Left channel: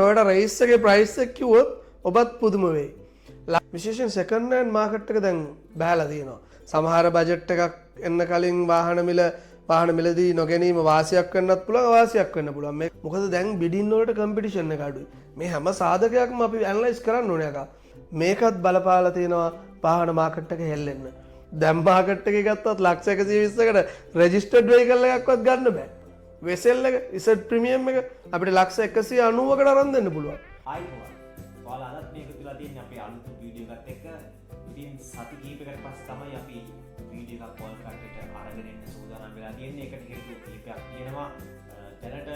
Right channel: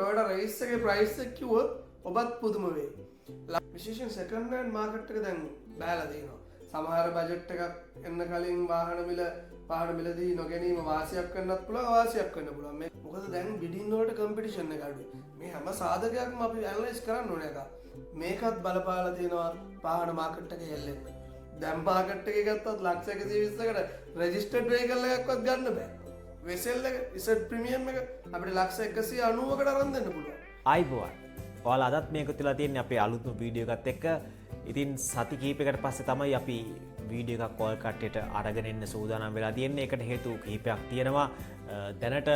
Toyota Race එකේ price එක කිව්වොත් ඔබත් පුදුම වෙයි. විශේෂයෙන් second hand market එක දැන් බහැලා තියෙනවා. සමහර බජට් එකක් එන්න කලින් වාහන මිලදී නොගැනීම වාසියක් වෙන්නත් පුළුවන් අවාසියක් වෙන්න පුළුවන්. මේ මොකද දැන් bidding වලට competition එක අඩුයි. මේ හැම සාධකයක්ම අපි analyze කරන්න ඕනේ අකා. මේකත් බලපාලා තියෙනවා වාහන market එක හෙල්ලෙන්න. දැන් market එකේ ගත්තත් ලක්ෂ 120කට registered vehicle එකක්වත් ගන්න බෑ. වෙසෙල් එක ඉසට් ප්‍රීමියම් එක අපිට ලක්ෂ 190කට අරන් දෙන්න පුළුවන්. ආයිබෝවන්. ඔයාලා අදත් මේක තුලා තියෙන්නේ අපේ අලුත්ම වීඩියෝ එකත් එක්ක. ඉතින් සති කිහිපයකට පස්සේ තමයි අපි වීඩියෝ එකක් ඔයාලා කට්ටියට අරගෙන එන්න සූදානම් වෙලා තියෙන්නේ. ඒකට හේතු කිහිපයක් තියෙනවා. දැනට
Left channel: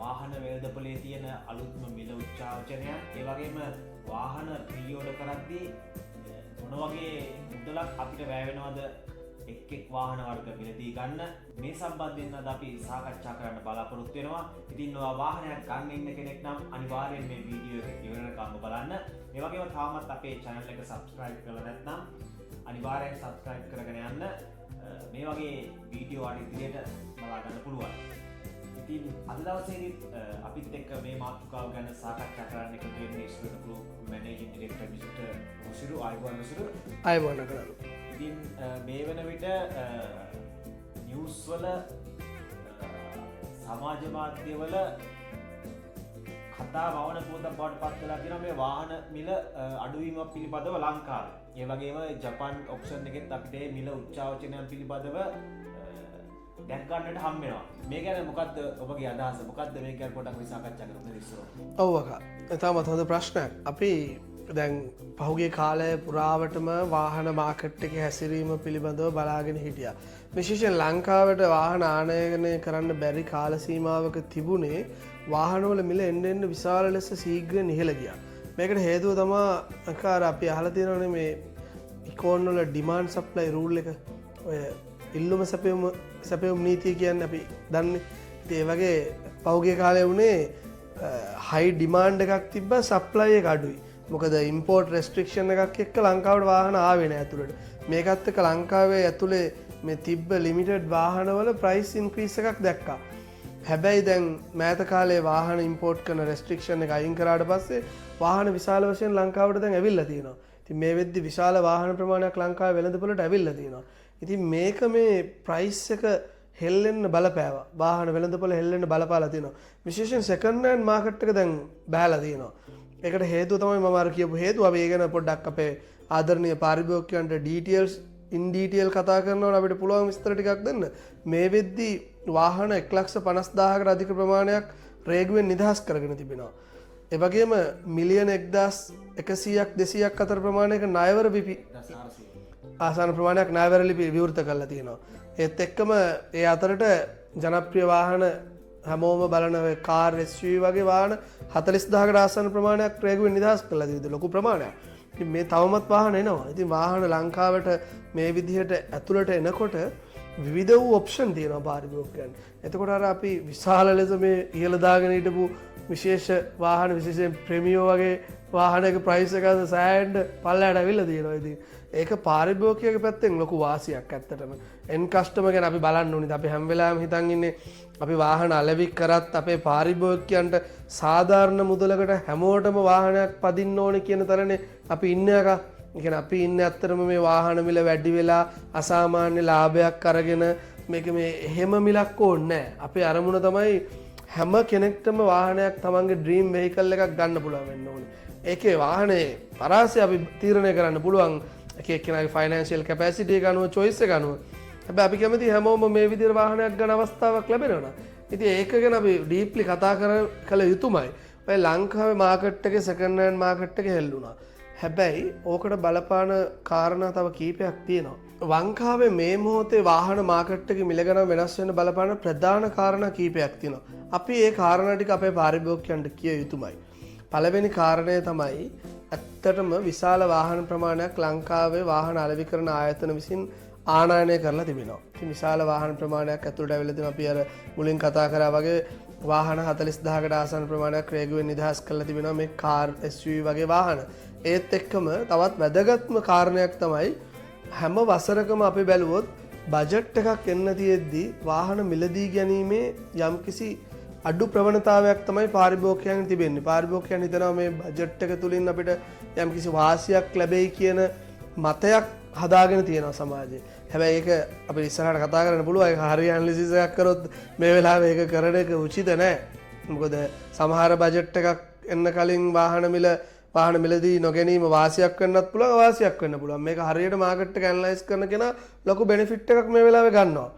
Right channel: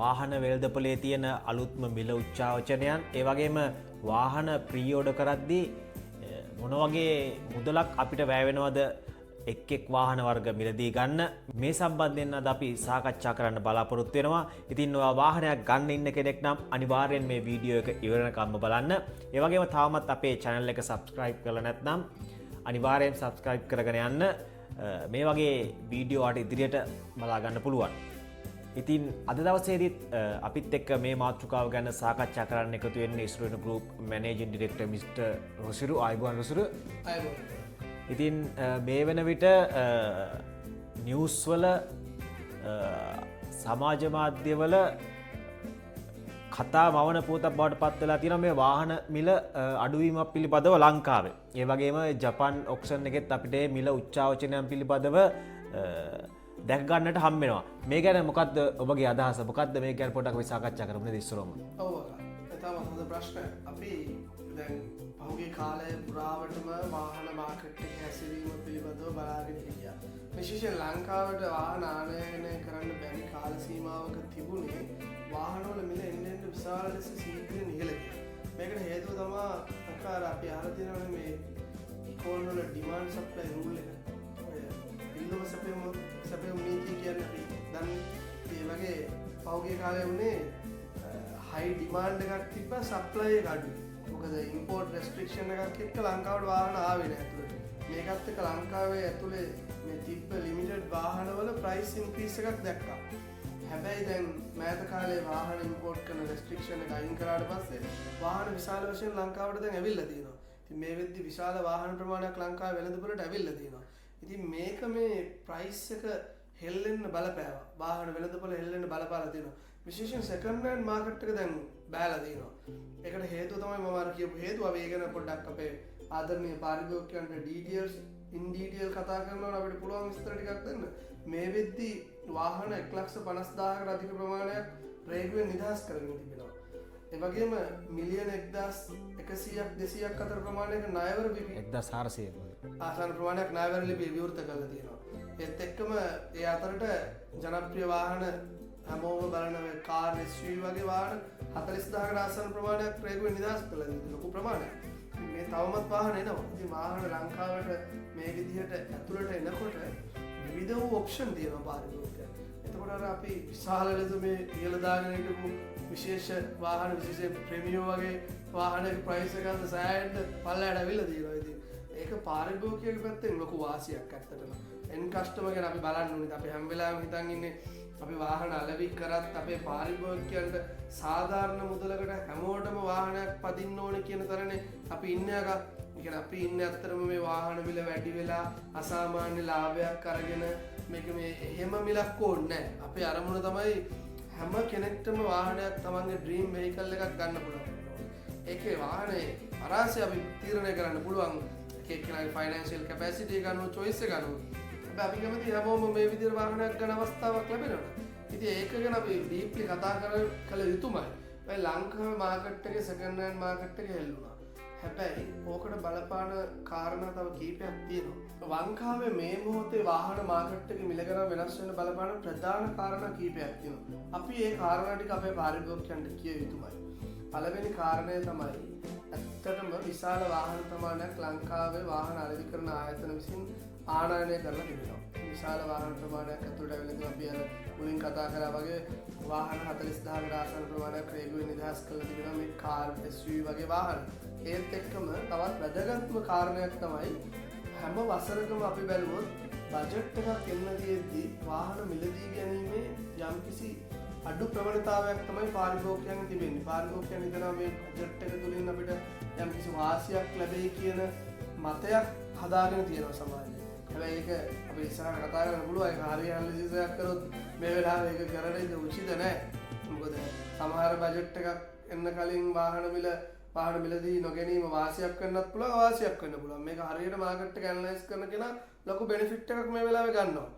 වාහන වෙළඳපොලේ තියෙන අලුත්ම මිල උච්චාවචනයන්, ඒ වගේම වාහන ප්‍රී ඕඩර් කරද්දී මොන වගේ මුදලක් අපිට වැය වෙනවද එක් වාහන වර්ග මිලදී ගන්න, මේ සම්බන්ධයෙන් අද අපි සාකච්ඡා කරන්න බලාපොරොත්තු වෙනවා. ඉතින් ඔයා වාහනයක් ගන්න ඉන්න කෙනෙක් නම් අනිවාර්යෙන් මේ වීඩියෝ එක ඉවරනකම්ම බලන්න. ඒ වගේම තාමත් අපේ channel එක subscribe කරලා නැත්නම් අනිවාර්යෙන් subscribe කරගෙන යන්න. මේ වගේ වීඩියෝ වලට ඉදිරියට බලා ගන්න පුළුවන්. ඉතින් අද දවසේදීත් අපිත් එක්ක මේ මාතෘකාව ගැන සාකච්ඡා කරන්න එකතු වෙන්නේ ඉස්රෝන ගෲප් මැනේජින් ඩිරෙක්ටර් මිස්ටර් රොසිරු. ආයුබෝවන් රොසිරු. ආයුබෝවන් කරලා. ඉතින් මේ වෙන විට නිවුස් වල සමාජ මාධ්‍යවල කතා මවන පුවතක් බවට පත් වෙලා තියෙනවා මේ වාහන මිල අඩුවීමක් පිළිබඳව ලංකාවේ. ඒ වගේම ජපාන් ඔක්ෂන් එකෙත් අපිට මිල උච්චාවචනයන් පිළිබඳව දැක් ගන්නට හම් වෙනවා. මේ ගැන මොකද්ද ඔබගේ අදහස? මොකද්ද මේ ගැන පොඩ්ඩක් අපි සාකච්ඡා කරමු නේද ඉස්සරහම? ඔව් අකා. තාමත් හොඳ ප්‍රශ්නයක්. අපි දැන් පහුගිය කාලය පුරාවටම වාහන මාකට් එකේ හැසිරීම පිළිබඳව බලාගෙන හිටියා. විශේෂයෙන් ලංකාවට වාහන ආනයනය කරන්න බැරි කාල සීමාවක තිබුණේ වාහනවල මිල එන්න එන්න විශාල ලෙස ශීඝ්‍රයෙන් ඉහළ ගියා. මේකට හේතුව තමයි අකාර අපි අහලා තියෙනවනේ මේ ඉකෝන් වල ඩිමාන්ඩ් සප්ලයි රූල් එක. ඔය ඉල්ලුම සැපයුම් නීතිය කියන්නේ අපි දන්නේ. ඒ වගේ පහුගිය කාලේ වුණේ හයි ඩිමාන්ඩ් එකක් තිබ්බ සප්ලයි එක අඩුයි. මොකද ඉම්පෝර්ට් රෙස්ට්‍රික්ෂන් එකක් එක්ක ලංකාවට වාහන ආවේ නෑ ඇතුළට. මේකත් එක්ක ලංකාවේ ඇතුලේ මේ තිබ්බ ලිමිටඩ් වාහනවල ප්‍රයිස් ඉන්ක්‍රීස් එකක් දැක්කා. හැබැයි දැන් මෑත කාලේ වාහන ඉම්පෝර්ට් කරන රෙස්ට්‍රික්ෂන් එක අයින් කරාට පස්සේ වාහන විශාල වශයෙන් ලංකාවට දැන් ඇවිල්ලා තියෙනවා. ඉතින් මේ වෙද්දි විශාල වාහන ප්‍රමාණයක් ලංකාවේ වෙළඳපොළට ඇවිල්ලා තියෙනවා. ඉතින් මේක මේ ප්‍රයිස් එක හෙල්ලෙන්න බලපෑවා. වාහන වෙළඳපොළ හෙල්ලෙන්න බලපාලා තියෙනවා. විශේෂයෙන් සෙකන්ඩ් හෑන්ඩ් මාකට් එක දැන් බහැලා තියෙනවා. ඒකට හේතුව තමයි මම අර කියපු හේතුව. අපි ඒ ගැන පොඩ්ඩක් අපේ ආදරණීය පාරිභෝගිකයන්ට ඉන් ඩීටේල් කතා කරනකොට අපිට පුළුවන් විස්තර ටිකක් දෙන්න. මේ වෙද්දි වාහන 1,50,000කට අධික ප්‍රමාණයක් රේගුවෙන් නිදහස් කරගෙන තිබෙනවා. ඒ වගේම මිලියන 1,100ක් 200ක් අතර ප්‍රමාණයක ණයවර ලිපි 1,400 ආසන්න ප්‍රමාණයක් ණයවර ලිපි විවෘත කරලා තියෙනවා. ඒත් එක්කම ඒ අතරට ජනප්‍රිය වාහන හැමෝම බලන කාර් SUV වගේ වාහන 40000කට ආසන්න ප්‍රමාණයක් රේගුවෙන් නිදහස් කරලා තියෙනවා. ලොකු ප්‍රමාණයක්. ඉතින් මේ තවමත් වාහන එනවා. ඉතින් වාහන ලංකාවට මේ විදිහට ඇතුළට එනකොට විවිධ වූ ඔප්ෂන් තියෙනවා පාරිභෝගිකයන්. එතකොට අර අපි විශාල ලෙස මේ ඉහළ දාගෙන හිටපු විශේෂ වාහන විශේෂයෙන් ප්‍රීමියම් වගේ වාහනයක ප්‍රයිස් එක සෑහෙන්න පල්ලයට ඇවිල්ලා තියෙනවා. ඉතින් ඒක පාරිභෝගිකයෙකුගේ පැත්තෙන් ලොකු වාසියක් ඇත්තටම. එන් කස්ටමර් ගැන අපි බලන්න ඕනේ. අපි හැම වෙලාවෙම හිතන් ඉන්නේ අපි වාහන අලෙවි කරත් අපේ පාරිභෝගිකයන්ට සාධාරණ මුදලකට හැමෝටම වාහනයක් පදින්න ඕනේ කියන තරනේ අපි ඉන්නේ අකා. ඒ කියන්නේ අපි ඉන්නේ ඇත්තටම මේ වාහන මිල වැඩි වෙලා අසාමාන්‍ය ලාභයක් අරගෙන මේක මේ එහෙම මිලක් ඕනේ නැහැ. අපේ අරමුණ තමයි හැම කෙනෙක්ටම වාහනයක් තමන්ගේ ඩ්‍රීම් වෙහිකල් එකක් ගන්න පුළුවන් වෙන්න ඕනේ. ඒකේ වාහනේ පරාසය අපි තීරණය කරන්න පුළුවන් එක එක්කෙනාගේ ෆයිනෑන්ෂියල් කැපැසිටි එක අනුව චොයිස් එක අනුව. හැබැයි අපි කැමති හැමෝම මේ විදිහට වාහනයක් ගන්න අවස්ථාවක් ලැබෙනවා. ඉතින් ඒක ගැන අපි ඩීප්ලි කතා කළ යුතුමයි. ඔය ලංකාවේ මාකට් එකේ සෙකන්ඩ් හෑන්ඩ් මාකට් එක හෙල්ලුණා. හැබැයි ඕකට බලපාන කාරණා තව කීපයක් තියෙනවා. ලංකාවේ මේ මොහොතේ වාහන මාකට් එකේ මිල ගණන් වෙනස් වෙන බලපාන ප්‍රධාන කාරණා කීපයක් තියෙනවා. අපි ඒ කාරණා ටික අපේ පාරිභෝගිකයන්ට කිය යුතුමයි. පළවෙනි කාරණය තමයි ඇත්තටම විශාල වාහන ප්‍රමාණයක් ලංකාවේ වාහන අලෙවි කරන ආයතන විසින් ආනයනය කරලා තිබෙනවා. විශාල වාහන ප්‍රමාණයක් ඇතුළට ඇවිල්ලා තිබෙනවා. අපි අර මුලින් කතා කරා වගේ වාහන 40000කට ආසන්න ප්‍රමාණයක් රේගුවෙන් නිදහස් කරලා තිබෙනවා මේ කාර් SUV වගේ වාහන. ඒත් එක්කම තවත් වැදගත්ම කාරණයක් තමයි හැම වසරකම අපි බැලුවොත් බජට් එකක් එන්න තියෙද්දි වාහන මිලදී ගැනීමේ යම්කිසි අඩු ප්‍රවණතාවයක් තමයි පාරිභෝගිකයන් තිබෙන්නේ. පාරිභෝගිකයන් හිතනවා මේ බජට් එක තුලින් අපිට යම්කිසි වාසියක් ලැබෙයි කියන මතයක් හදාගෙන තියෙනවා සමාජයේ. හැබැයි ඒක අපි ඉස්සරහට කතා කරන්න පුළුවන්. ඒක හරිය ඇනලිසිස් එකක් කරොත් මේ වෙලාවේ ඒක කරන එක උචිත නැහැ. මොකද සමහර බජට් එකක් එන්න කලින් වාහන මිලදී නොගැනීම වාසියක් වෙන්නත් පුළුවන්, අවාසියක් වෙන්න පුළුවන්. මේක හරියට මාකට් එක ඇනලයිස් කරන කෙනා ලොකු බෙනිෆිට් එකක් මේ වෙලාවේ ගන්නවා.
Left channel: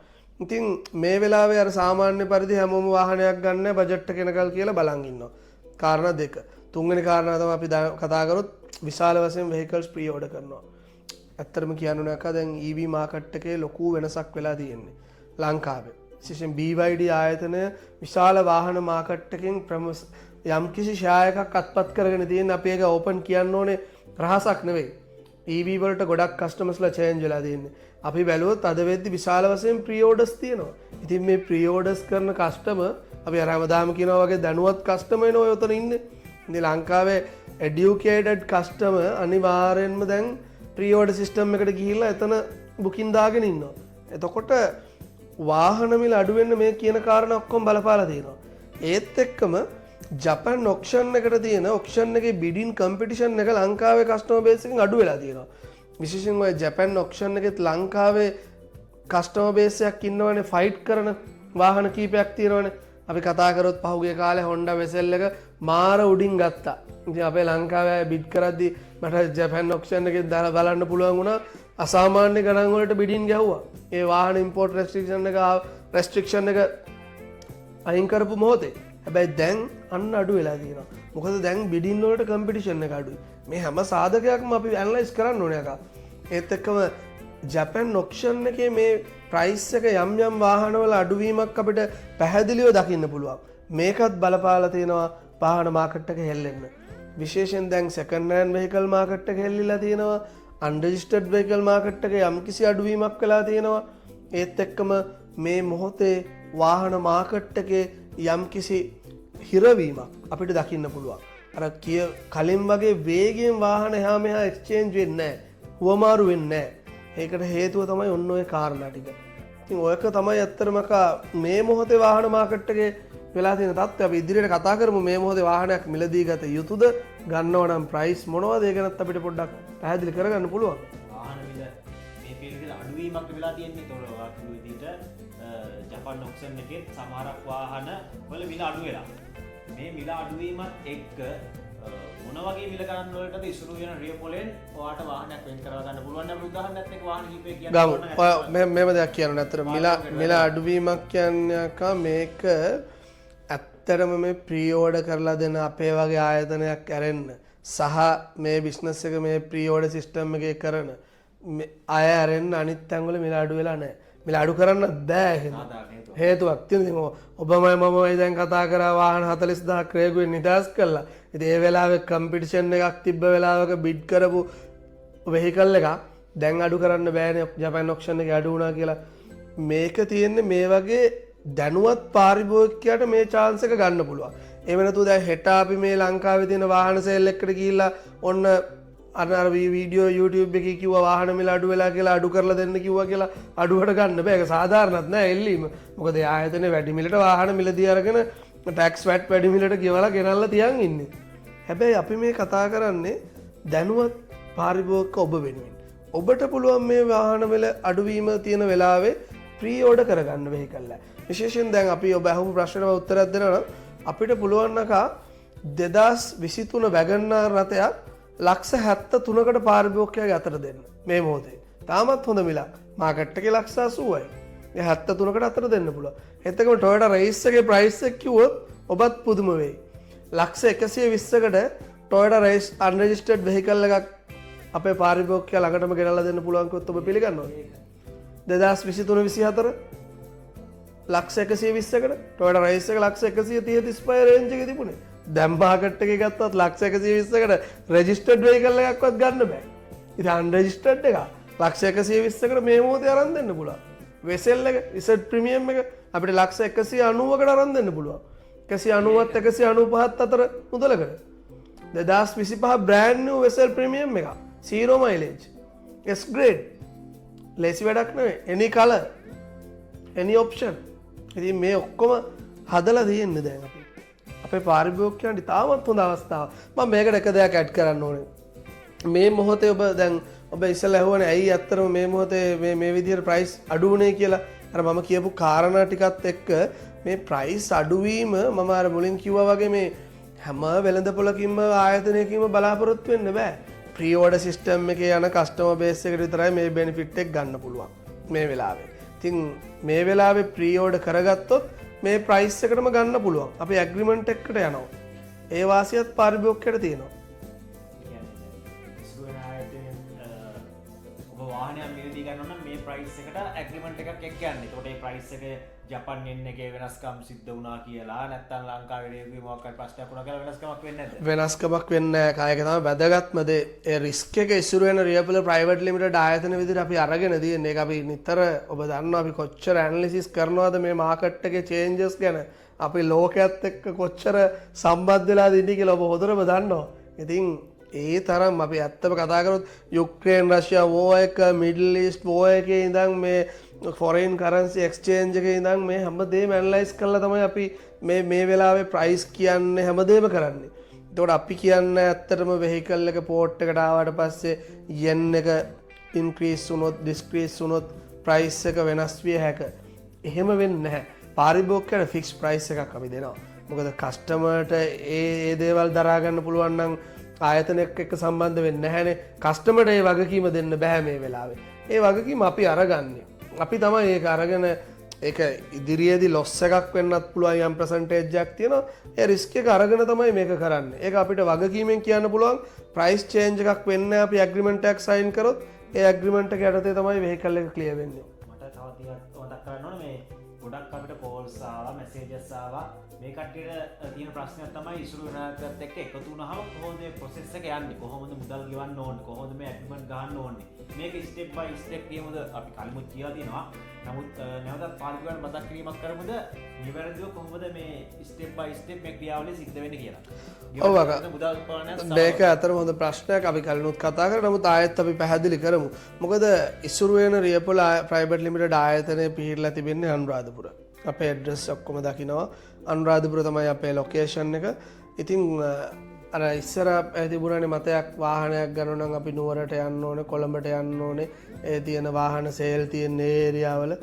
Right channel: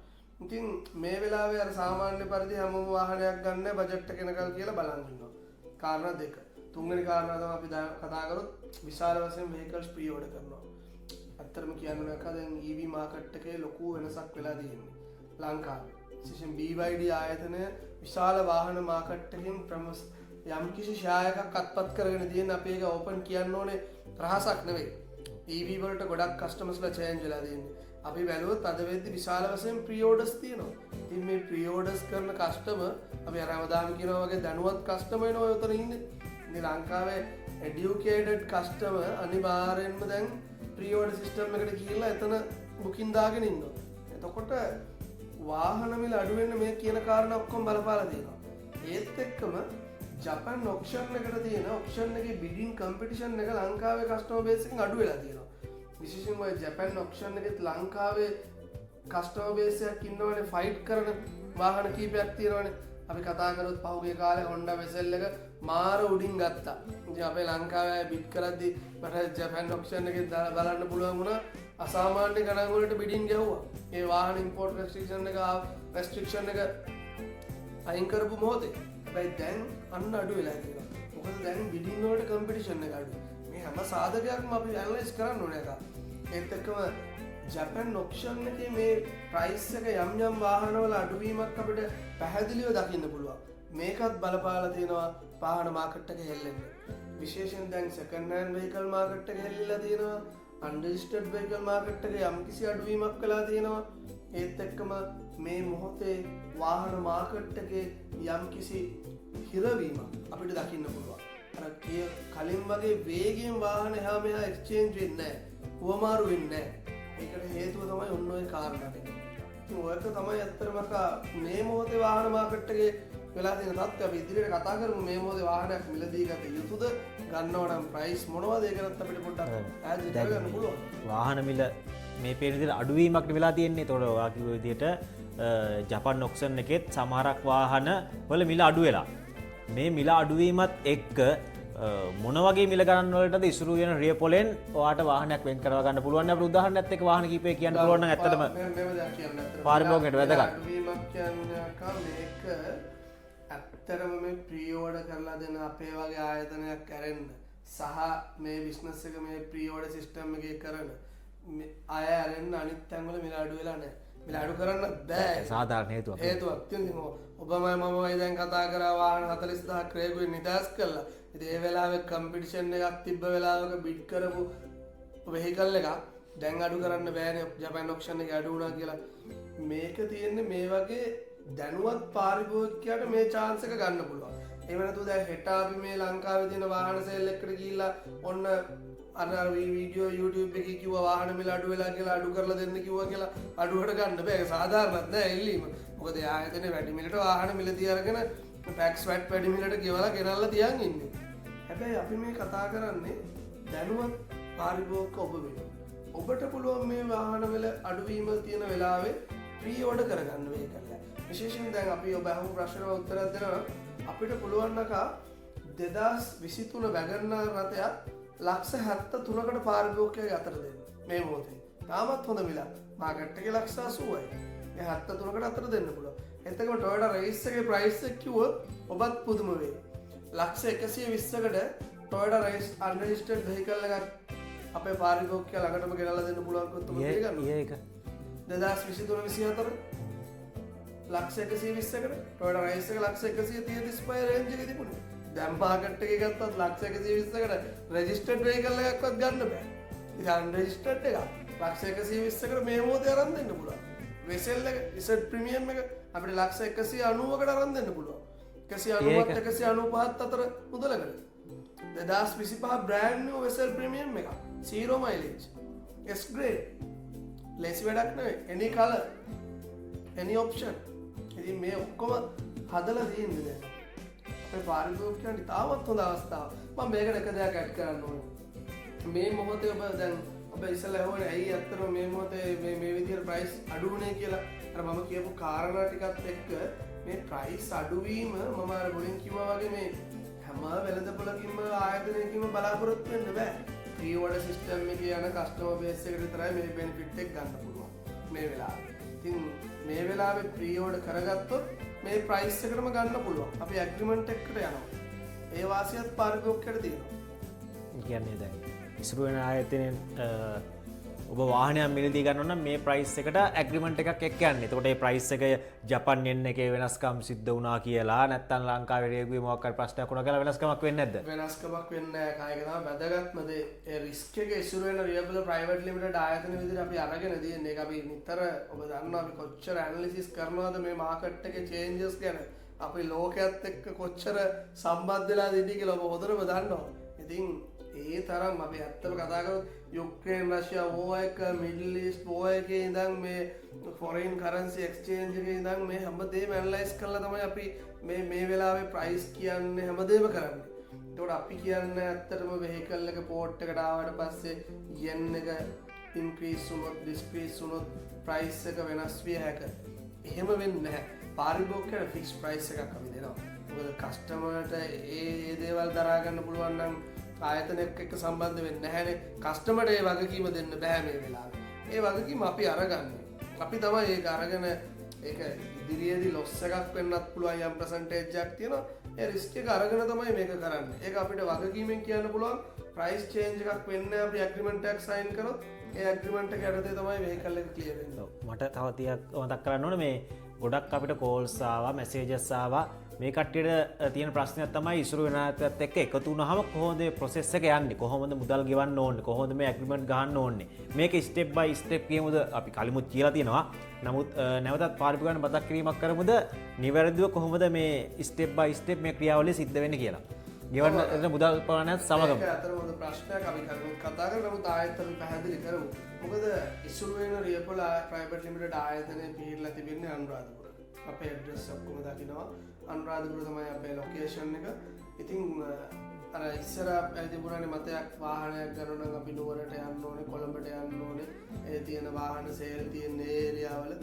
ඉතින් මේ වෙලාවේ අර සාමාන්‍ය පරිදි හැමෝම වාහනයක් ගන්න බජට් එක එනකල් කියලා බලන් ඉන්නවා. කාරණා දෙක. තුන්වෙනි කාරණා තමයි අපි කතා කරොත් විශාල වශයෙන් vehicles pre order කරනවා. ඇත්තටම කියන්න නැක දැන් EV මාකට් එකේ ලොකු වෙනසක් වෙලා තියෙන්නේ ලංකාවේ. විශේෂයෙන් BYD ආයතනය විශාල වාහන මාකට් එකකින් යම් කිසි ෂෙයා එකක් අත්පත් කරගෙන තියෙන. අපි ඒක ඕපන් කියන්න ඕනේ රහසක් නෙවෙයි. EV වලට ගොඩක් කස්ටමර්ස්ලා චේන්ජ් වෙලා තියෙන්නේ. අපි බැලුවොත් අද වෙද්දි විශාල වශයෙන් ප්‍රී ඕඩර්ස් තියෙනවා. ඉතින් මේ ප්‍රී ඕඩර්ස් කරන කස්ටමර් අපි අර හැමදාම කියනවා වගේ දැනුවත් කස්ටමර් එනවා ඔතන ඉන්නේ. ඉතින් ලංකාවේ educated customer අනිවාර්යෙන්ම දැන් ප්‍රී ඕඩර් සිස්ටම් එකට ගිහිල්ලා එතන බුකින් දාගෙන ඉන්නවා. එතකොට වාහන මිල අඩු වෙන්න මේ කියන කාරණා ඔක්කොම බලපාලා තියෙනවා. ඒත් එක්කම ජපන් ඔක්ෂන් එකට තියෙන ඔක්ෂන් එකේ බිඩින් කම්පිටිෂන් එක ලංකාවේ කස්ටමර් බේස් එකෙන් අඩු වෙලා තියෙනවා. විශේෂයෙන්ම ජපන් ඔක්ෂන් එකෙත් ලංකාවේ කස්ටමර් බේස් එකක් ඉන්නවනේ ෆයිට් කරන වාහන කීපයක් තියෙනවනේ. අපි කතා කරොත් පහුගිය කාලේ Honda Vezel එක මාර උඩින් ගත්තා. ඉතින් අපේ ලංකාවේ බිඩ් කරද්දි මට ජපන් ඔක්ෂන් එකේ දාලා බලන්න පුළුවන් වුණා අසාමාන්‍ය ගණන් වලට බිඩින් ගැහුවා. ඒ වාහන ඉම්පෝර්ට් රෙස්ට්‍රික්ෂන් එක අයින් කරපු මොහොතේ. හැබැයි දැන් අන්න අඩු වෙලා තියෙනවා. මොකද දැන් බිඩින් වලට කම්පිටිෂන් එක අඩුයි. මේ හැම සාධකයක්ම අපි ඇනලයිස් කරන්න ඕනේ අකා. ඒත් එක්කම ජපන් ඔක්ෂන් එකේ මේ ප්‍රයිස් එක යම් යම් වාහනවල අඩුවීමක් අපිට පැහැදිලිව දකින්න පුළුවන්. මේකත් බලපාලා තියෙනවා වාහන මාකට් එක හෙල්ලෙන්න. විශේෂයෙන් දැන් සෙකන්ඩ් හෑන්ඩ් වෙහිකල් මාකට් එක හෙල්ලිලා තියෙනවා. අන්රෙජිස්ටර්ඩ් වෙහිකල් මාකට් එකේ යම්කිසි අඩුවීමක් වෙලා තියෙනවා. ඒත් එක්කම මේ මොහොතේ වාහන මාකට් එකේ යම්කිසි හිරවීමක් අපිට දකින්න පුළුවන්. අර කලින් වගේ වේගයෙන් වාහන එහා මෙහා එක්ස්චේන්ජ් වෙන්නේ නැහැ. හුවමාරු වෙන්නේ නැහැ. ඒකට හේතුව තමයි ඔන්න ඔය කාරණා ටික. ඉතින් ඔයක තමයි ඇත්තටම මේ මොහොතේ වාහන මාකට් එකේ වෙලා තියෙන තත්ත්වය. අපි ඉදිරියට කතා කරමු මේ මොහොතේ වාහනයක් මිලදී ගත යුතුද? ගන්නව නම් ප්‍රයිස් මොනවද? ඒ ගැනත් අපිට පොඩ්ඩක් පැහැදිලි කරගන්න පුළුවන්. වාහන මිල මේ පෙරදින අඩුවීමක් වෙලා තියෙන්නේ. තොර වාකිව විදියට ජපන් ඔක්ෂන් එකෙත් සමහරක් වාහන වල මිල අඩු වෙලා. මේ මිල අඩුවීමත් එක්ක මොන වගේ මිල ගණන් වලටද ඉසුරු වෙන රියපොලෙන් ඔයාට වාහනයක් වෙන් කරව ගන්න පුළුවන්. අපේ උදාහරණයක් එක්ක වාහන කීපයක් කියන්න ඕන නැත්නම් මේව දෙයක් කියන්න ඇත්තට මිල අඩුවීමක් කියන්නේ මේක ඇත්තටම මේ ප්‍රී ඕඩර් කරලා දෙන අපේ වගේ ආයතනයක් ඇරෙන්න සහ මේ බිස්නස් එක මේ ප්‍රී ඕඩර් සිස්ටම් එකේ කරන අය ඇරෙන්න අනිත් තැන්වල මිල අඩු වෙලා නැහැ. මිල අඩු කරන්න බෑ. සාධාරණ හේතුවක්. හේතුවක් තියෙනවා. ඔබමයි මමයි දැන් කතා කරා වාහන 40000ක් රේගුවෙන් නිදාස් කළා. ඉතින් ඒ වෙලාවේ කම්පිටිෂන් එකක් තිබ්බ වෙලාවක බිඩ් කරපු වෙහිකල් එකක් දැන් අඩු කරන්න බෑනේ ජපන් ඔක්ෂන් එකේ අඩු වුණා කියලා. මේක තියෙන්නේ මේ වගේ දැනුවත් පාරිභෝගිකයාට මේ chance එක ගන්න පුළුවන්. ඒ වෙනතු දැන් හෙට අපි මේ ලංකාවේ තියෙන වාහන සේල් එකකට ගිහිල්ලා ඔන්න අර වීඩියෝ YouTube එකේ කිව්වා වාහන මිල අඩු වෙලා කියලා අඩු කරලා දෙන්න කිව්වා කියලා අඩුවට ගන්න බෑ. ඒක සාධාරණත් නෑ එල්ලීම. මොකද ඒ ආයතනේ වැඩි මිලට වාහන මිලදී අරගෙන ටැක්ස් වැට් වැඩි මිලට ගෙවලා ගෙනල්ලා තියන් ඉන්නේ. හැබැයි අපි මේ කතා කරන්නේ දැනුවත් පාරිභෝගික ඔබ වෙනුවෙන්. ඔබට පුළුවන් මේ වාහන මිල අඩුවීම තියෙන වෙලාවේ ප්‍රී ඕඩර් කරගන්න වෙහිකල් එක. විශේෂයෙන් දැන් අපි ඔබ අහමු ප්‍රශ්නෙට උත්තරයක් දෙනවා අපිට පුළුවන් නකා 2023 වැගන්නාර් රථයක් ලක්ෂ 73කට පාරිභෝගිකයාගේ අතට දෙන්න මේ මොහොතේ. තාමත් හොඳ මිලක්. මාකට් එකේ ලක්ෂ 80යි. මේ 73කට අතට දෙන්න පුළුවන්. එතකොට Toyota Race එකේ ප්‍රයිස් එක කිව්වොත් ඔබත් පුදුම වෙයි. ලක්ෂ 120කට Toyota Race unregistered vehicle එකක් අපේ පාරිභෝගිකයා ළඟටම ගෙනල්ලා දෙන්න පුළුවන් කිව්වොත් ඔබ පිළිගන්නවද? ඒක 2023 ලක්ෂ 120කට Toyota Race එක ලක්ෂ 130 35 රේන්ජ් එකේ තිබුණේ. දැන් මාකට් එකේ ගත්තත් ලක්ෂ 120කට රෙජිස්ටර්ඩ් වෙහිකල් එකක්වත් ගන්න බෑ. ඉතින් අන්රෙජිස්ටර්ඩ් එක ලක්ෂ 120කට මේ මොහොතේ අරන් දෙන්න පුළුවන්. වෙසෙල් එක ඉසඩ් ප්‍රීමියම් එක අපිට ලක්ෂ 190කට අරන් දෙන්න පුළුවන්. 190ත් 195ත් අතර මුදලකට. 2025 බ්‍රෑන්ඩ් නිව් වෙසෙල් ප්‍රීමියම් එක 0 මයිලේජ් S grade ලේසි වැඩක් නෙවෙයි. any color any option. ඉතින් මේ ඔක්කොම හදලා තියෙන්නේ දැන් අපි. අපේ පාරිභෝගිකයන්ට තාමත් හොඳ අවස්ථාවක්. මම මේකට එක දෙයක් ඇඩ් කරන්න ඕනේ. මේ මොහොතේ ඔබ දැන් ඔබ ඉස්සෙල්ලා ඇහුවනේ ඇයි ඇත්තටම මේ මොහොතේ මේ විදිහට ප්‍රයිස් අඩු වුනේ කියලා. අර මම කියපු කාරණා ටිකත් එක්ක මේ ප්‍රයිස් අඩුවීම මම අර මුලින් කිව්වා වගේ මේ හැම වෙළඳපොළකින්ම ආයතනයකින්ම බලාපොරොත්තු වෙන්න බෑ. ප්‍රී ඕඩර් සිස්ටම් එකේ යන කස්ටමර් බේස් එකට විතරයි මේ බෙනිෆිට් එක ගන්න පුළුවන් මේ වෙලාවේ. ඉතින් මේ වෙලාවේ ප්‍රී ඕඩර් කරගත්තොත් මේ ප්‍රයිස් එකටම ගන්න පුළුවන්. අපි ඇග්‍රීමන්ට් එකකට යනවා. ඒ වාසියත් පාරිභෝගිකයට තියෙනවා. කියන්නේ දැන් ඉස්සර වෙන ආයතනයෙන් ඔබ වාහනයක් මිලදී ගන්න නම් මේ ප්‍රයිස් එකට ඇග්‍රීමන්ට් එකක් එක්ක යන්නේ. එතකොට ඒ ප්‍රයිස් එක ජපාන් yen එකේ වෙනස්කම් සිද්ධ වුණා කියලා නැත්නම් ලංකාවේ රේගුවේ මොකක් හරි ප්‍රශ්නයක් වුණා කියලා වෙනස්කමක් වෙන්නේ නැද්ද? වෙනස්කමක් වෙන්නේ නැහැ. කායක තමයි වැදගත්ම දේ. ඒ රිස්ක් එක ඉස්සර වෙන රියබල් ප්‍රයිවට් ලිමිටඩ් ආයතන විදිහට අපි අරගෙන තියෙන්නේ. ඒක අපි නිතර ඔබ දන්නවා අපි කොච්චර ඇනලිසිස් කරනවද මේ මාකට් එකේ චේන්ජස් ගැන. අපි ලෝකයේත් එක්ක කොච්චර සම්බන්ධ වෙලාද ඉන්නේ කියලා ඔබ හොඳටම දන්නවා. ඉතින් ඒ තරම් අපි ඇත්තම කතා කරොත් යුක්‍රේන් රෂ්‍යා වෝ එක මිඩල් ඊස්ට් වෝ එකේ ඉඳන් මේ ෆොරේන් කරන්සි එක්ස්චේන්ජ් එකේ ඉඳන් මේ හැමදේම ඇනලයිස් කරලා තමයි අපි මේ වෙලාවේ ප්‍රයිස් කියන්නේ හැමදේම කරන්නේ. එතකොට අපි කියන්නේ ඇත්තටම වෙහිකල් එක පෝට් එකට ආවට පස්සේ yen එක ඉන්ක්‍රීස් වුණොත් ඩිස්ක්‍රීස් වුණොත් ප්‍රයිස් එක වෙනස් විය හැකියි. එහෙම වෙන්නේ නැහැ. පාරිභෝගිකයට ෆික්ස් ප්‍රයිස් එකක් අපි දෙනවා. මොකද කස්ටමර්ට ඒ දේවල් දරා ගන්න පුළුවන් නම් ආයතනයක් එක්ක සම්බන්ධ වෙන්නේ නැහැනේ. කස්ටමර්ට ඒ වගකීම දෙන්න බෑ මේ වෙලාවේ. ඒ වගකීම අපි අරගන්නේ. අපි තමයි ඒක අරගෙන ඒක ඉදිරියේදී ලොස් එකක් වෙන්නත් පුළුවන් යම් percentage එකක් තියෙනවා. ඒ රිස්ක් එක අරගෙන තමයි මේක කරන්නේ. ඒක අපිට වගකීමෙන් කියන්න පුළුවන් price change එකක් වෙන්නේ අපි agreement එකක් sign කරොත් ඒ agreement එක යටතේ තමයි vehicle එක clear වෙන්නේ. මට තව ටිකක් මතක් කරන්න ඕනේ මේ ගොඩක් අපිට කෝල්ස් ආවා මැසේජස් ආවා මේ කට්ටියට තියෙන ප්‍රශ්නයක් තමයි ඉසුරු වෙන අයත් එක්ක එකතු වුණාම කොහොමද මේ ප්‍රොසෙස් එක යන්නේ කොහොමද මුදල් ගෙවන්න ඕනේ කොහොමද මේ ඇග්‍රීමන්ට් ගහන්න ඕනේ මේක ස්ටෙප් බයි ස්ටෙප් කියමුද අපි කලිමුත් කියලා තියෙනවා නමුත් නැවතත් පාරිභෝගිකයන් මතක් කිරීමක් කරමුද නිවැරදිව කොහොමද මේ ස්ටෙප් බයි ස්ටෙප් මේ ක්‍රියාවලිය සිද්ධ වෙන්නේ කියලා මුදල් පානත් ඒක අතර හොඳ ප්‍රශ්නයක් අපි කලිනුත් කතා කරා නමුත් ආයෙත් අපි පැහැදිලි කරමු මොකද ඉසුරු වෙන රියපොල ප්‍රයිවට් ලිමිටඩ් ආයතනය පිහිටලා තිබෙන්නේ අනුරාධපුර අපේ ඇඩ්‍රස් ඔක්කොම දකිනවා අනුරාධපුර තමයි අපේ ලොකේෂන් එක. ඉතින් අර ඉස්සර තිබුණානේ මතයක් වාහනයක් ගන්න නම් අපි නුවරට යන්න ඕනේ කොළඹට යන්න ඕනේ ඒ තියෙන වාහන සේල් තියෙන ඒරියාවල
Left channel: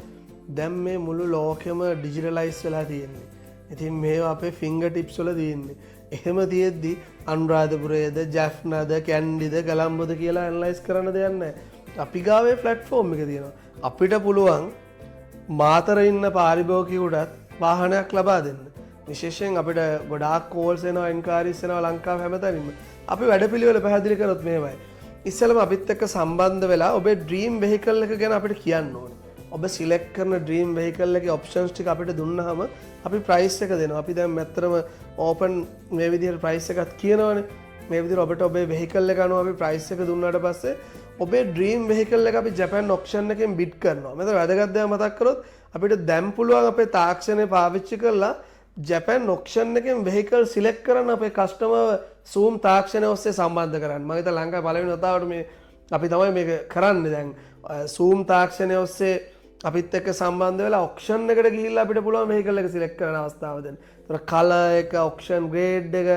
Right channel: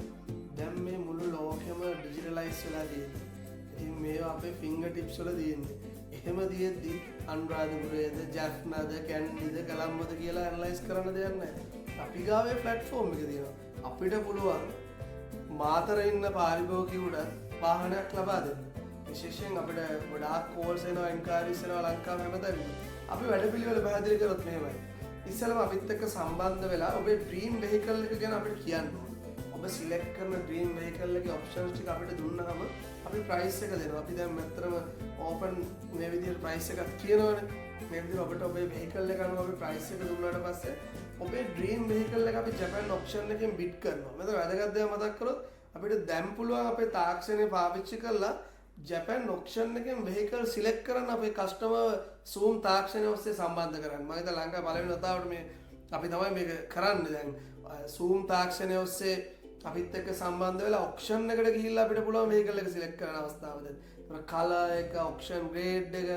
දැන් මේ මුළු ලෝකෙම ඩිජිටලයිස් වෙලා තියෙන්නේ. ඉතින් මේවා අපේ ෆින්ගර් ටිප්ස් වල තියෙන්නේ. එහෙම තියෙද්දි අනුරාධපුරයේද ජැෆ්නාද කැන්ඩිද ගලම්බොද කියලා ඇනලයිස් කරන්න දෙයක් නැහැ. අපි ගාවේ ප්ලැට්ෆෝම් එක තියෙනවා. අපිට පුළුවන් මාතර ඉන්න පාරිභෝගිකයෙකුට වාහනයක් ලබා දෙන්න. විශේෂයෙන් අපිට ගොඩාක් කෝල්ස් එනවා එන්ක්වයරිස් එනවා ලංකාවේ හැමතැනම. අපි වැඩපිළිවෙල පැහැදිලි කරොත් මේවයි. ඉස්සෙල්ලාම අපිත් එක්ක සම්බන්ධ වෙලා ඔබේ ඩ්‍රීම් වෙහිකල් එක ගැන අපිට කියන්න ඕනේ. ඔබ සිලෙක්ට් කරන ඩ්‍රීම් වෙහිකල් එකේ ඔප්ෂන්ස් ටික අපිට දුන්නාම අපි ප්‍රයිස් එක දෙනවා. අපි දැන් මැත්තරම ඕපන් මේ විදිහට ප්‍රයිස් එකක් කියනවනේ. මේ විදිහට ඔබට ඔබේ වෙහිකල් එක අනුව අපි ප්‍රයිස් එක දුන්නාට පස්සේ ඔබේ ඩ්‍රීම් වෙහිකල් එක අපි ජපාන් ඔප්ෂන් එකෙන් බිඩ් කරනවා. මෙතන වැදගත් දේ මතක් කරොත් අපිට දැන් පුළුවන් අපේ තාක්ෂණය පාවිච්චි කරලා ජපාන් ඔක්ෂන් එකෙන් වෙහිකල් සිලෙක්ට් කරන්න අපේ කස්ටමර් සූම් තාක්ෂණය ඔස්සේ සම්බන්ධ කරන්න. මම හිතා ලංකාවේ පළවෙනි වතාවට මේ අපි තමයි මේක කරන්නේ දැන් සූම් තාක්ෂණය ඔස්සේ අපිත් එක්ක සම්බන්ධ වෙලා ඔක්ෂන් එකට ගිහිල්ලා අපිට පුළුවන් වෙහිකල් එක සිලෙක්ට් කරන්න අවස්ථාව දෙන්න. ඒතර කලර් එක, ඔක්ෂන් ග්‍රේඩ් එක,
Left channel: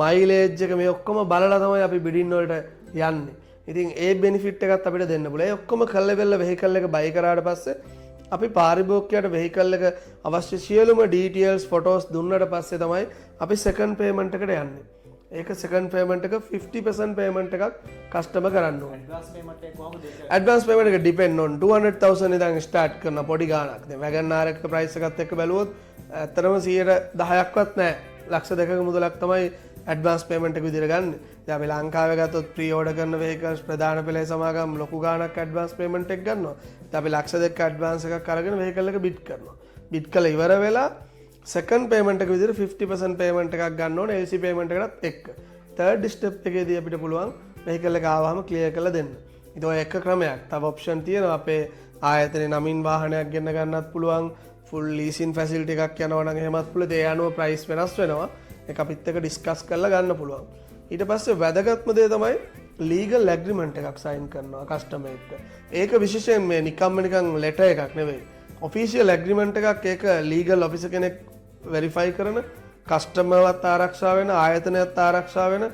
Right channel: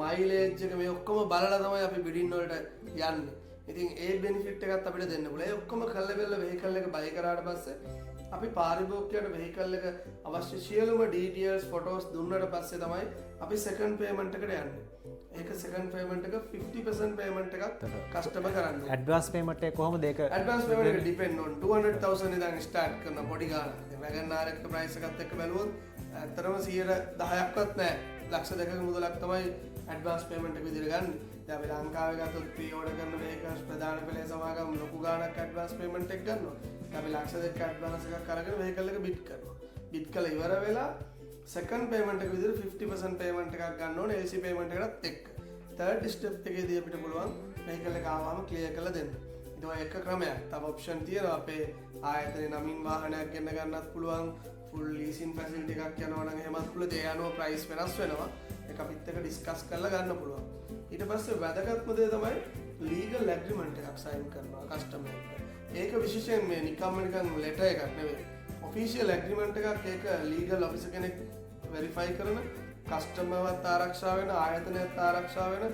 මයිලේජ් එක මේ ඔක්කොම බලලා තමයි අපි බිඩින් වලට යන්නේ. ඉතින් ඒ බෙනිෆිට් එකත් අපිට දෙන්න පුළුවන්. ඒ ඔක්කොම කල්ලා වෙලා වෙහිකල් එක බයි කරාට පස්සේ අපි පාරිභෝගිකයට වෙහිකල් එක අවශ්‍ය සියලුම ඩීටේල්ස් ෆොටෝස් දුන්නට පස්සේ තමයි අපි සෙකන්ඩ් පේමන්ට් එකට යන්නේ. ඒක සෙකන්ඩ් පේමන්ට් එක 50% පේමන්ට් එකක් කස්ටමර් කරන්න ඕනේ. ඇඩ්වාන්ස් පේමන්ට් එක කොහොමද ඒක? ඇඩ්වාන්ස් පේමන්ට් එක ඩිපෙන්ඩ් on 200,000 ඉඳන් ස්ටාර්ට් කරන පොඩි ගාණක්. දැන් වැගන්ආර් එක ප්‍රයිස් එකත් එක්ක බැලුවොත් ඇත්තටම 10%ක්වත් නැහැ. ලක්ෂ 2ක මුදලක් තමයි ඇඩ්වාන්ස් පේමන්ට් එක විදිහට ගන්න. දැන් අපි ලංකාවේ ගත්තොත් ප්‍රී ඕඩර් කරන වෙහිකල්ස් ප්‍රධාන පෙළේ සමාගම් ලොකු ගාණක් ඇඩ්වාන්ස් පේමන්ට් එක ගන්නවා. දැන් අපි ලක්ෂ 2ක ඇඩ්වාන්ස් එකක් අරගෙන වෙහිකල් එක බිඩ් කරනවා. බිඩ් කළා ඉවර වෙලා සෙකන්ඩ් පේමන්ට් එක විදිහට 50% පේමන්ට් එකක් ගන්න ඕනේ LC පේමන්ට් එකටත් එක්ක. තර්ඩ් ස්ටෙප් එකේදී අපිට පුළුවන් වෙහිකල් එක ආවම ක්ලියර් කරලා දෙන්න. ඒක ඔය එක ක්‍රමයක්. තව ඔප්ෂන් තියෙනවා අපේ ආයතනයේ නමින් වාහනයක් ගෙන්න ගන්නත් පුළුවන්. ෆුල් ලීසින් ෆැසිලිටි එකක් යනවා නම් එහෙමත් පුළුවන්. ඒ අනුව ප්‍රයිස් වෙනස් වෙනවා. ඒක අපිත් එක්ක ඩිස්කස් කරලා ගන්න පුළුවන්. ඊට පස්සේ වැදගත්ම දේ තමයි ලීගල් ඇග්‍රීමන්ට් එකක් සයින් කරනවා කස්ටමර් එක්ක. ඒක විශේෂයෙන් මේ නිකම්ම නිකන් ලෙටර් එකක් නෙවෙයි. ඔෆිෂියල් ඇග්‍රීමන්ට් එකක් ඒක ලීගල් ඔෆිසර් කෙනෙක් වෙරිෆයි කරන කස්ටමර්වත් ආරක්ෂා වෙන ආයතනයත් ආරක්ෂා වෙන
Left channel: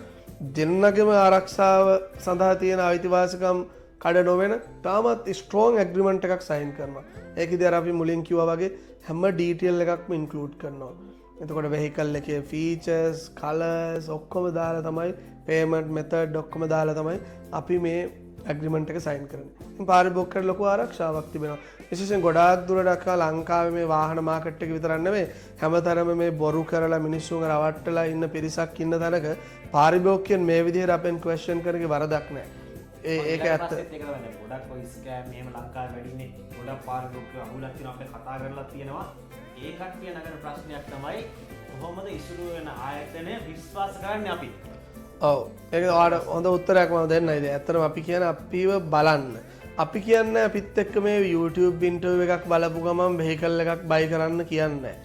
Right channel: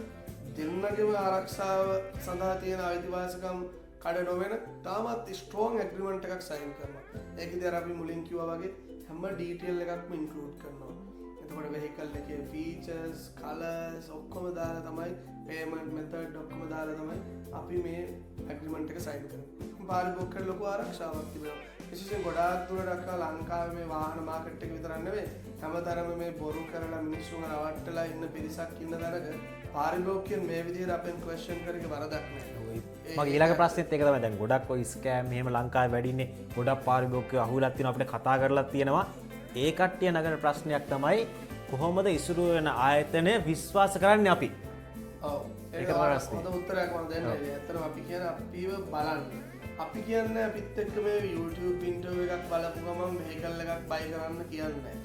දෙන්නගේම ආරක්ෂාව සඳහා තියෙන අයිතිවාසිකම් කඩ නොවෙන තාමත් ස්ට්‍රෝං ඇග්‍රිමන්ට් එකක් සයින් කරනවා. ඒකෙදි අර අපි මුලින් කිව්වා වගේ හැම ඩීටේල් එකක්ම ඉන්ක්ලූඩ් කරනවා. එතකොට වෙහිකල් එකේ ෆීචර්ස් කලර්ස් ඔක්කොම දාලා තමයි පේමන්ට් මෙතඩ් ඔක්කොම දාලා තමයි අපි මේ ඇග්‍රිමන්ට් එක සයින් කරන්නේ. පාරිභෝගිකයට ලොකු ආරක්ෂාවක් තිබෙනවා. විශේෂයෙන් ගොඩාක් දුරට ලංකාවේ මේ වාහන මාකට් එක විතරක් නෙවෙයි හැමතරම මේ බොරු කරලා මිනිස්සුන්ව රවට්ටලා ඉන්න පිරිසක් ඉන්න තැනක පාරිභෝගිකයන් මේ විදිහට අපෙන් ක්වෙස්චන් කරගේ වරදක් නැහැ. ඊළඟ ප්‍රශ්නෙත් ඒක තමයි. දැන් ගොඩක් ඔය ස්කෑම් මෙහෙම ලංකාවේ වැඩින්නේ. ගොඩක් පාරිභෝගිකයෝ අහුවෙලා තියෙනවා අපිට කතා කරලා තියෙනවා. ඒ කට්ටිය නගන ප්‍රශ්නයක් තමයි කොහොමද ඉසුරු වෙන ආයතනය විශ්වාස කරන්නේ අපි? ඔව් ඒක ඔයාලට හොඳ උත්තරයක් මම දෙන්නයි. ඇත්තටම අපි කියන අපිව බලන්න. අපි කියන්නේ අපිත් එක්ක මේ YouTube ඉන්ටර්විව් එකක් බලපු ගමන් වෙහිකල් එකක් බයි කරන්න කියන්නේ.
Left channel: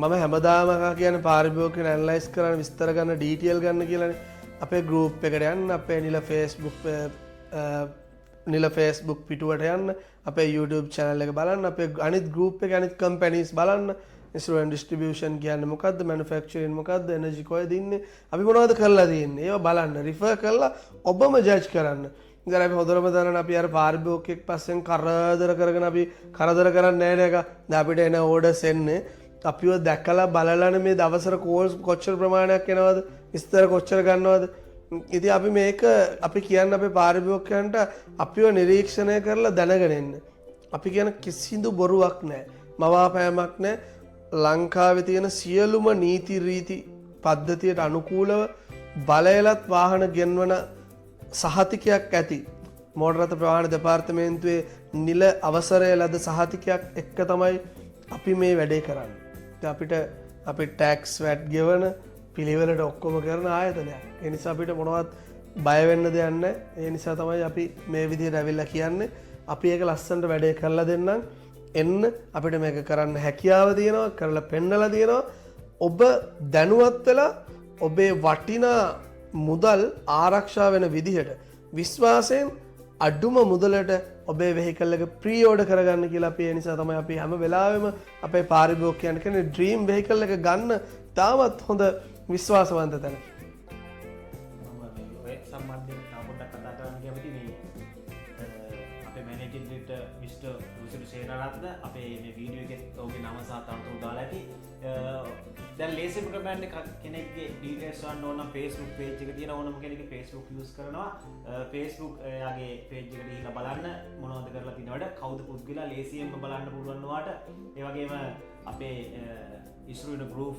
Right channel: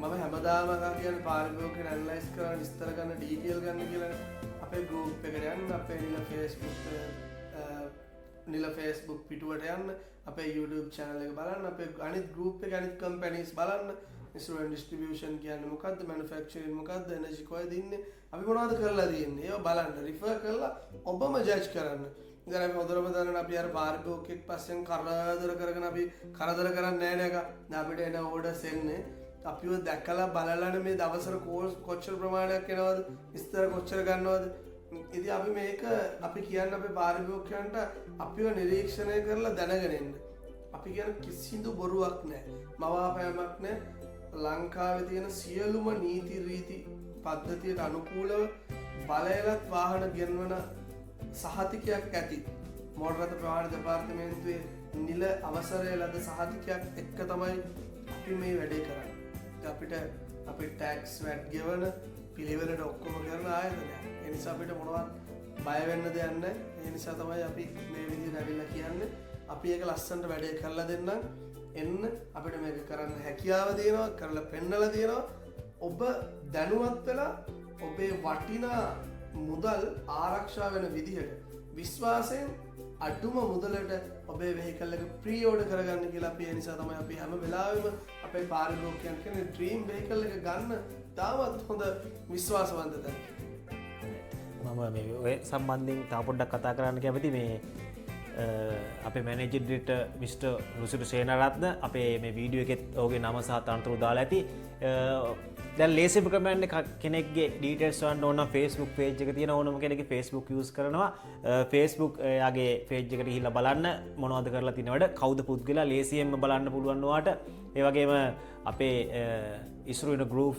මම හැමදාම කියන්නේ පාරිභෝගිකයන් ඇනලයිස් කරන්න විස්තර ගන්න ඩීටේල් ගන්න කියලානේ. අපේ ගෲප් එකට යන්න අපේ නිල Facebook පිටුවට යන්න අපේ YouTube channel එක බලන්න අපේ අනිත් ගෲප් එකේ අනිත් කම්පැනිස් බලන්න ඉන්ස්ට්‍රුමන්ට් ඩිස්ට්‍රිබියුෂන් කියන්නේ මොකද්ද මැනුෆැක්චරින් මොකද්ද එනර්ජි කොහෙද ඉන්නේ අපි මොනවද කරලා තියෙන්නේ ඒවා බලන්න රිෆර් කරලා ඔබම ජජ් කරන්න. ඉතින් අපි හොඳටම දන්නවා අපි අර පාරිභෝගිකෙක් පස්සෙන් කරදර කරගෙන අපි කරදර කරන්නේ නැහැ නේද? දැන් අපිට එන ඕඩර්ස් එන්නේ අපිව දැකලා බලලානේ මේ දවසට කෝල්ස් කොච්චර ප්‍රමාණයක් එනවද විස්තර කොච්චර ගන්නවද. ඉතින් අපි මේක අපි කියන්නේ අපේ පාරිභෝගිකයන්ට අපිව නිරීක්ෂණය කරලා දැනගෙන ඉන්න. අපි කියන කිසිදු බොරුවක් නැහැ. මවාපෑමක් නැහැ. ලංකාවේ තියෙන සියලුම නීති රීති පද්ධතියට අනුකූලව බලයලත් වාහන ගෙන්වන සහතිකයක් ඇති මෝටර් රථ ප්‍රවාහන දෙපාර්තමේන්තුවේ නිල අවසරය ලද සහතිකයක් එක්ක තමයි අපි මේ වැඩේ කරන්නේ. අපිට අපි ටැක්ස් වැට් ගෙවන පිළිවෙලට ඔක්කොම කරන ආයතනයක්. ඒ නිසා අපිට මොනවත් බය වෙන්න දෙයක් නැහැ. ඒ නිසා තමයි අපි මේ විදිහට ඇවිල්ලා කියන්නේ අපි ඒක ලස්සනට වැඩේ කරලා දෙන්නම්. එන්න අපිට මේක කරන්න හැකියාව තියෙනවා කරලා පෙන්නලා තියෙනවා. ඔබ දැනුවත් වෙලා ඔබේ වටිනා මුදල් ආරක්ෂා වෙන විදිහට විශ්වාසයෙන් අඩුම මුදලට ඔබේ වෙහිකල් එක ප්‍රී ඕඩර් කරගන්න කියලා අපි ඒ නිසා තමයි අපි හැම වෙලාවෙම අපේ පාරිභෝගිකයන් කියන්නේ ඩ්‍රීම් වෙහිකල් එක ගන්න තාමත් හොඳ විශ්වාසවන්ත තැනක. මම මේ ඔය සම්බන්ධයෙන් තා පොඩ්ඩක් කතා කරන්න කැමති මේ අපේ මැනේජර් ඩිරෙක්ටර් මිස්ටර් රුසිරු සේනාරත්න අපේ මේ වීඩියෝ එකෙත් ඔහුගේ නම සහ තනතුරු දාලා ඇති. දැන් ලේසිම ක්‍රමයෙන් කෙනෙක්ගේ ඩීටේල්ස් හොයන්න ඕන නම් Facebook page එක තියෙන ඕනම කෙනෙක්ගේ Facebook use කරනවා. Facebook යාගේ page එකට ගිහිල්ලා බලන්න මොනවද කරලා තියෙන වැඩ කවුද පුද්ගලයා ලේසියෙන්ම බලන්න පුළුවන් ඔයාට. ඒ වගේම අපේ ඉස්රු වෙන group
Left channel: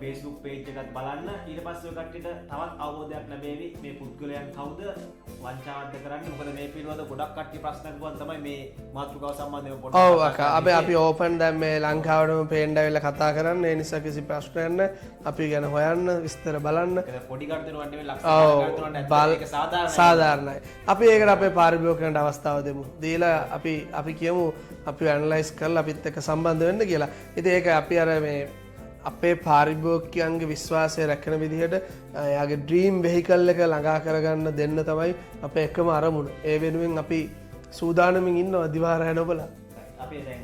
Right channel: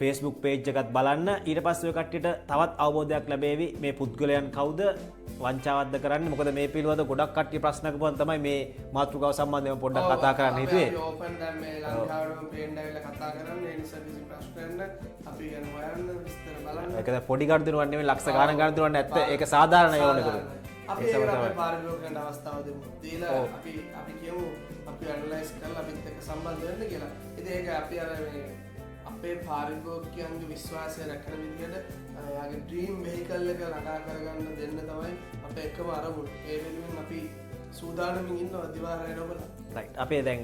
Facebook page එකත් බලන්න. ඊට පස්සේ ඔය කට්ටියට තවත් අවබෝධයක් ලැබෙවි මේ පුද්ගලයන් කවුද වංචාවක්ද කරන්නේ. මොකද මේ පිළිබඳ ගොඩක් කට්ටිය ප්‍රශ්න කරපුවා තමයි මේ මාතෘකාව සම්බන්ධව පොඩ්ඩක් කතා කරන්නේ. අපි ඕපන් දැන් මේ ලංකාවටම පේන්න ඇවිල්ලා කතා කරන්න. ඒ නිසා කිසි ප්‍රශ්නයක් නැහැ. අපි ගැන හොයන්න විස්තර බලන්න. ඒක පොඩි කර්දිනුවක් නෙමෙයි ලක්ෂ ගණන් කර්දිනුවක් නැත්නම් ඒක සාධාරණයි. අපි ඒකට අපේ පාරිභෝගිකයන්ට අවස්ථාව දෙමු. දීලා අපි කියමු අපි ඇනලයිස් කරලා අපිත් එක්ක සම්බන්ධ වෙන්න කියලා. ඉතින් ඒක අපි අර මේ අපේ පාරිභෝගිකයන්ගේ විශ්වාසය රැකෙන විදිහට එයාගේ ඩ්‍රීම් වෙහිකල් එක ළඟා කරගන්න දෙන්න තමයි අපේ එකම අරමුණ. ඒ වෙනුවෙන් අපි සූදානමින් ඉන්නවා දිවාරය නොබලා. අපේ දැන්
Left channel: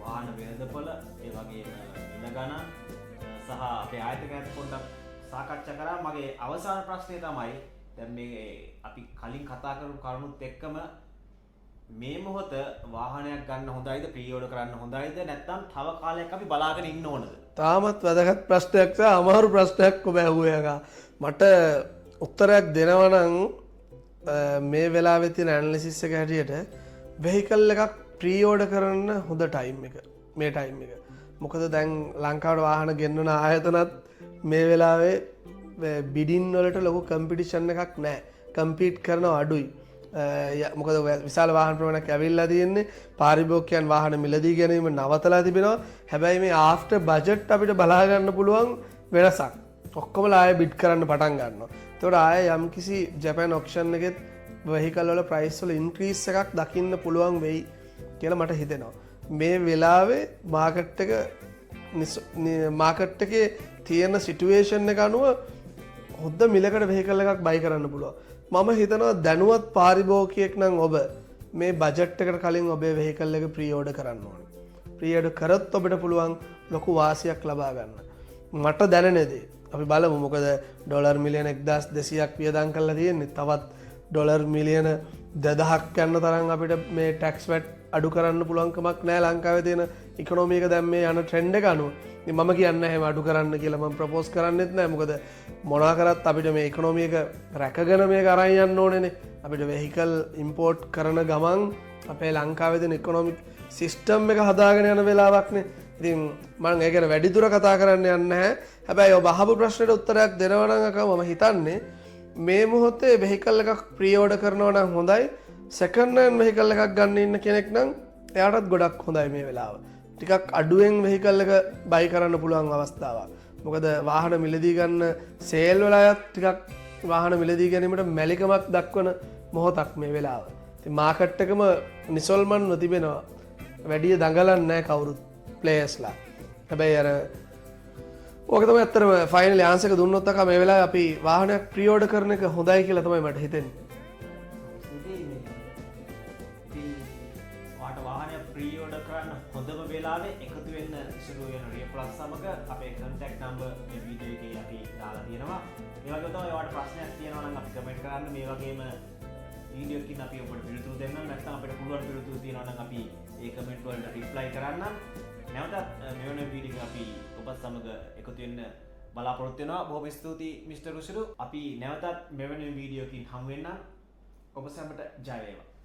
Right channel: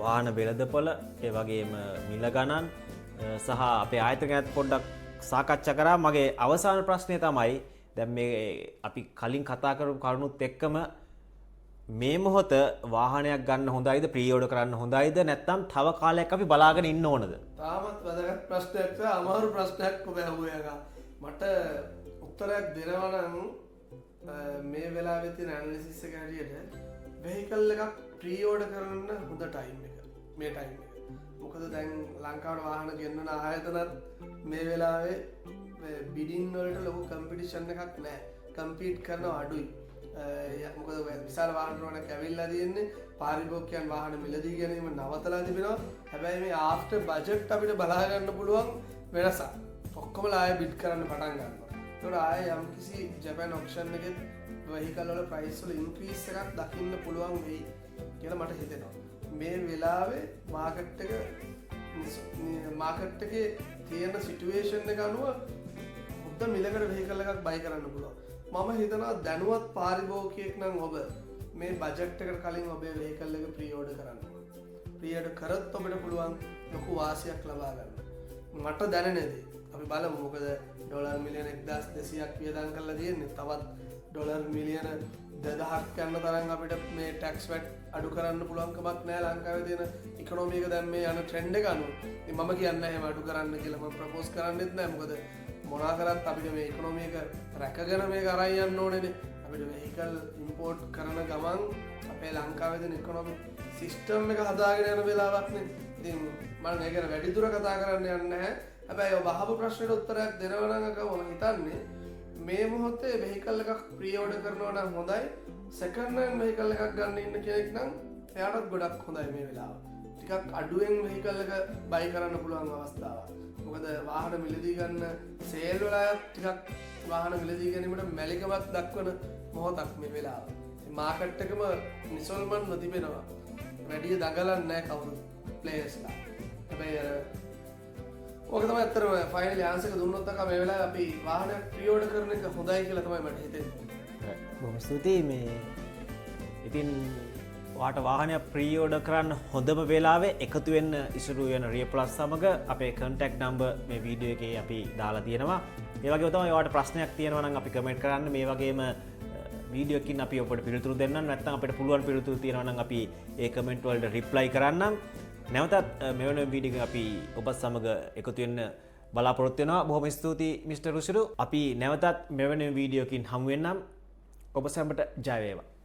වාහන වෙළඳපොළ ඒ වගේම මිල ගණන් සහ අපේ ආයතනයත් පොඩ්ඩක් සාකච්ඡා කරා. මගේ අවසාන ප්‍රශ්නය තමයි දැන් මේ අපි කලින් කතා කරපු කරුණුත් එක්කම මේ මොහොත වාහනයක් ගන්න හොඳයිද ප්‍රී ඕඩර් කරන්න හොඳයිද නැත්නම් තව කාලයක් අපි බලාගෙන ඉන්න ඕනද? තාමත් වැදගත් ප්‍රශ්නයක් සහ අමාරු ප්‍රශ්නයක් ඔබ ඇහුවේ එකා. මට උත්තරයක් දෙනවා නම් මේ වෙලාවේ තියෙන ඇනලිසිස් එක හැටියට වෙහිකල් එකක් ප්‍රී ඕඩර් කරන්න හොඳ ටයිම් එක මේ ටයිම් එක. මොකද දැන් ලංකාවට වාහන ගෙන්වන ආයතනත් මේ වෙලාවේ බිඩින් වලට ලොකු කම්පිටිෂන් එකක් නැහැ. කම්පීට් කරනවා අඩුයි. මොකද විශාල වාහන ප්‍රමාණයක් ඇවිල්ලා තියෙන්නේ. පාරිභෝගිකයන් වාහන මිලදී ගැනීම නවතලා තිබෙනවා. හැබැයි මේ ආෆ්ටර් බජට් අපිට බලා ගන්න පුළුවන් වෙනසක්. ඔක්කොම ආයෙ බිඩ් කරන්න පටන් ගන්නවා. ඒතකොට ආයෙ යම්කිසි ජපාන් ඔක්ෂන් එකෙත් වෙහිකල් වල ප්‍රයිස් වල ඉන්ක්‍රීස් එකක් දකින්න පුළුවන් වෙයි කියලා මට හිතෙනවා. මේ වෙලාවේ මාකට් එකේ තියෙන සිටුේෂන් එක අනුව හොඳ මිලකට වෙහිකල් එකක් බයි කරන්න පුළුවන්. මම හිතනවා දැනුවත් පාරිභෝගිකයෙක් නම් ඔබ මේ බජට් එකට කලින් ඔබේ වෙහිකල් එක ප්‍රී ඕඩර් කරන්න ඕනේ. ප්‍රියෝඩ කරත් ඔබට පුළුවන් ලොකු වාසියක් ලබා ගන්න. මට දැනෙනේදී අපි බලමු මොකද ඩොලර් මිලියන 1200ක් වියදම් කරලා තියෙන්නේ. තවත් ඩොලර් මිලියන 2000ක් යන තරම් අපිට මේ ටැක්ස් වැට් අඩු කරන්න පුළුවන්කමක් නැහැ ලංකාවේ තියෙන ඉකොනොමි එක දැන් මේ යන ට්‍රෙන්ඩ් එක අනුව. ඉතින් මම කියන්නේ එහෙම අඩු කරන්න කියලා මම ප්‍රොපෝස් කරන්නේත් නැහැ. මොකද මොනවා කරත් අපිට මේ ඉකොනොමි එක රැකගෙන මේක අරන් යන්න ඕනේනේ. අපිට වෙහිකල් ඉම්පෝර්ට් කරන ගමන් අපේ ලංකාවේ තියෙන ඉකොනොමික් සිස්ටම් එක හදාගෙන යන වෙලාවක්නේ. ඉතින් මම ඒක ගැන වැඩිදුර කතා කරන්න යන්නේ නැහැ. හැබැයි ඔබ අහපු ප්‍රශ්නෙට උත්තරයක් දෙනවා නම් අකම මම හිතන්නේ මේ මොහොතේ වෙහිකල් එකක් ප්‍රී ඕඩර් කරනවා නම් හොඳයි. සෙකන්ඩ් හෑන්ඩ් වෙහිකල් එකක් ගන්න ඉන්න කෙනෙක් නම් එයාටත් ගොඩක් හොඳයි මේ වෙලාව. ටිකක් අඩුවෙන් වෙහිකල් එක බයි කරන්න පුළුවන් අවස්ථාවක්. මොකද වාහන මිලදී ගන්න සේල් වලත් ටිකක් වාහන මිලදී ගැනීමට මැලිකමක් දක්වන මොහොතක් මේ වෙලාව. ඉතින් මාකට් එකම නිසල්මන්ව තිබෙනවා. වැඩි දඟලන්නේ නැහැ කවුරුත් ප්ලේයර්ස්ලා. හැබැයි අර ඕක තමයි ඇත්තටම ෆයිනල් ආන්සර් එක දුන්නොත් අක මේ වෙලාවේ අපි වාහනයක් ප්‍රී ඕඩර් කරන එක හොඳයි කියලා තමයි මට හිතෙන්නේ. බොහොම ස්තුතියි මේ ඉතින් වාට වාහනය ප්‍රී ඕඩර් කරන්න හොඳම වෙලාවේ එකතු වෙන්න ඉසුරු වෙන රිය ප්ලස් සමග අපේ කන්ටැක්ට් නම්බර් මේ වීඩියෝ එකේ අපි දාලා තියෙනවා. ඒ වගේම තමයි ඔයාලට ප්‍රශ්නයක් තියෙනවා නම් අපි කමෙන්ට් කරන්න. මේ වගේම වීඩියෝ එකකින් අපි ඔබට පිළිතුරු දෙන්නම්. නැත්නම් අපිට පුළුවන් පිළිතුරු තියෙනවා නම් අපි ඒ කමෙන්ට් වලට රිප්ලයි කරන්නම්. නැවතත් මෙවැනි වීඩියෝ එකක් අපි ඔබත් සමග එකතු වෙන්න බලාපොරොත්තු වෙනවා. බොහොම ස්තුතියි මිස්ටර් රුසිරු. අපි නැවතත් මෙවැනි වීඩියෝ එකකින් හමු වෙන්නම්. ඔබ සැමට ජය වේවා.